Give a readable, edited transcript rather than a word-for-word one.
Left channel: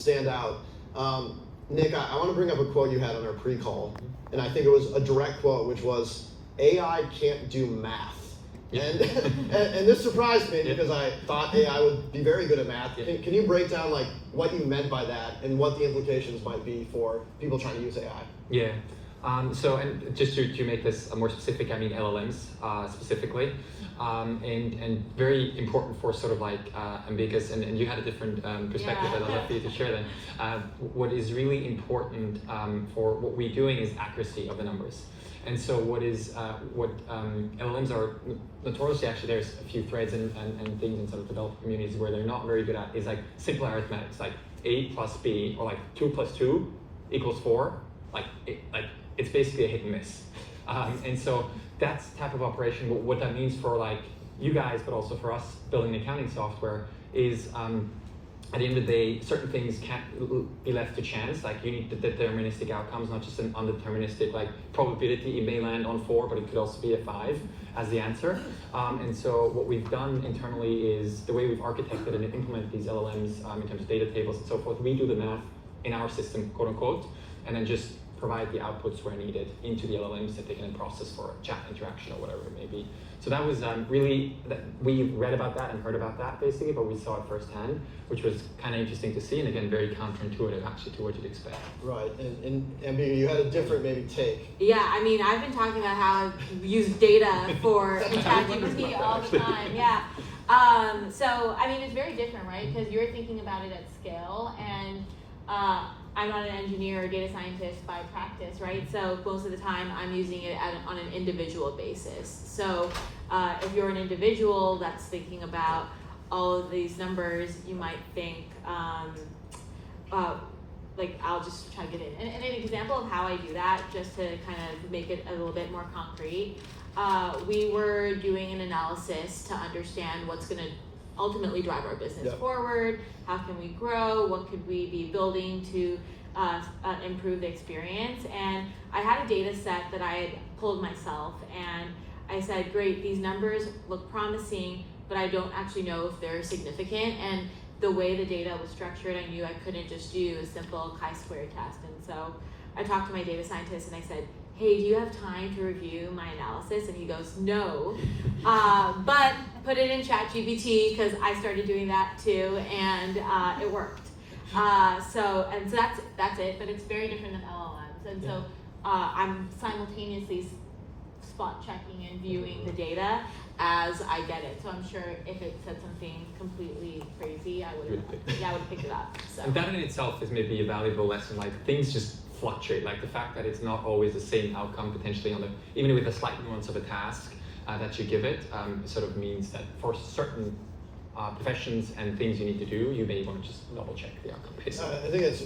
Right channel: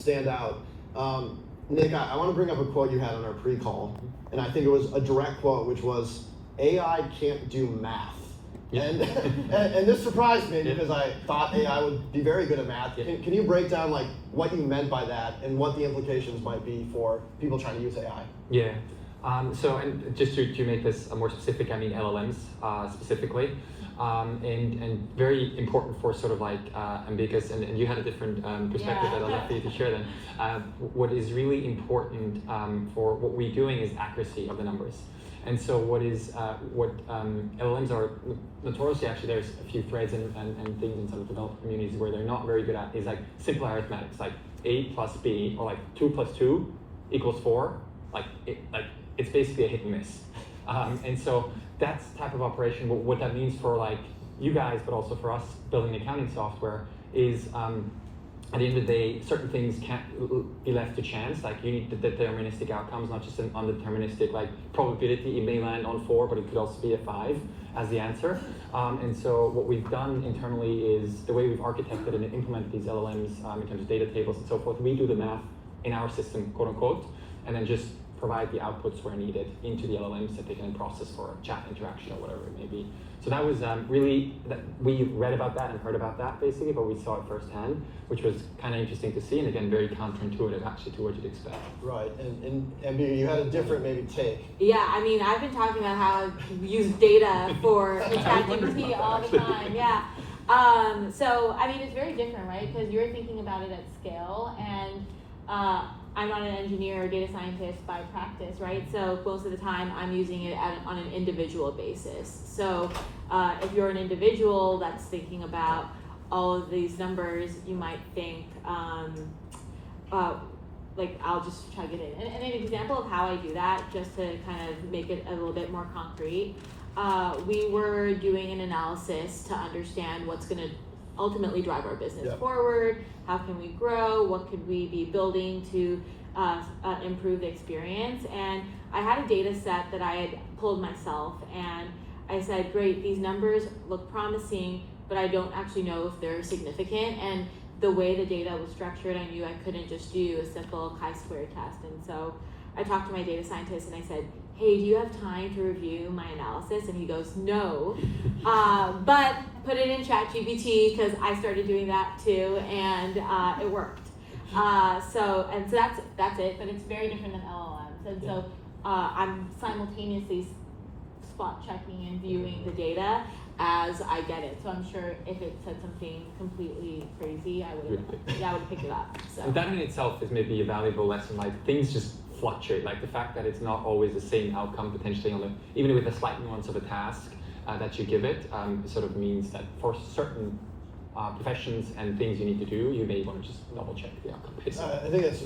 stand out. Nick, I want to bring up a quote you had on our pre-call, and I think it was a direct quote, which was, AI can't do math. Yeah. And this surprised me because I thought AI would be very good at math. Yeah. Can you break down like what you meant by that and what the implications might be for people trying to use AI? Yeah. So, and just to make this more specific, I mean LLMs specifically, and very important for sort of like Amicus, and you had a different perspective, and I'd love for you to share that. What is really important for what we're doing is accuracy of the numbers. And so what LLMs are notoriously, actually there's a few threads and things in sort of developer communities where they're not very good at is like simple arithmetic. It's like A plus B, or like 2 plus 2 equals 4. It's basically a hit and miss. And so that's the type of operation. What that means for like you guys, but also for us building accounting software is at the end of the day, certain things can't be left to chance. Like you need the deterministic outcomes, not just an undeterministic like probability. It may land on 4, but it could also be a 5 as the answer. And so what we've done internally is the way we've architected and implemented these LLMs in terms of data tables and so forth. We do the math in our system, quote unquote, and then just provide the outputs where needed into the LLMs that they can process for chat interaction or whatever it may be. So that was really, we read about that and heard about that basically, but we saw it firsthand, which was kind of interesting to see, and again, very counterintuitive actually to what you'd expect. Right, and you had a different maybe take. Yeah, I mean, I've been talking about how I use data for ChatGPT all the time, yeah. So, I mean, it's very different, right? Because you're thinking about it at scale, and I'm not an engineer or data scientist by practice, right? So most of the time I'm using it on an individual basis. So if you're an individual that's thinking about all of these numbers, you might think, like I'll just chug it in. And an example of how I do that, just to kind of make it a little bit more concrete, we were doing an analysis to understand what's gonna ultimately drive our business forward. How can we grow? What could we be building to improve the experience? And I had a data set that I had pulled myself, and I said, great, these numbers look promising, but I don't actually know if they're significant. And the way the data was structured, I knew I couldn't just do a simple chi-square test. And so I talked to my data scientist and I said, hey, do you have time to review my analysis? And he goes, no, but put it in ChatGPT, because I started doing that too, and it worked. So that's it, but it's very different than LLMs. And so I'm simultaneously spot checking and viewing the data as I get it. So I'm sure if it said something completely crazy, I would pick it up. So. And that in itself is maybe a valuable lesson. Like things just fluctuate. Like the fact that it's not always the same outcome potentially on even with the slight nuance of a task that you give it, sort of means that for certain professions and things you need to do, you may want to just double check the outcome. I think it's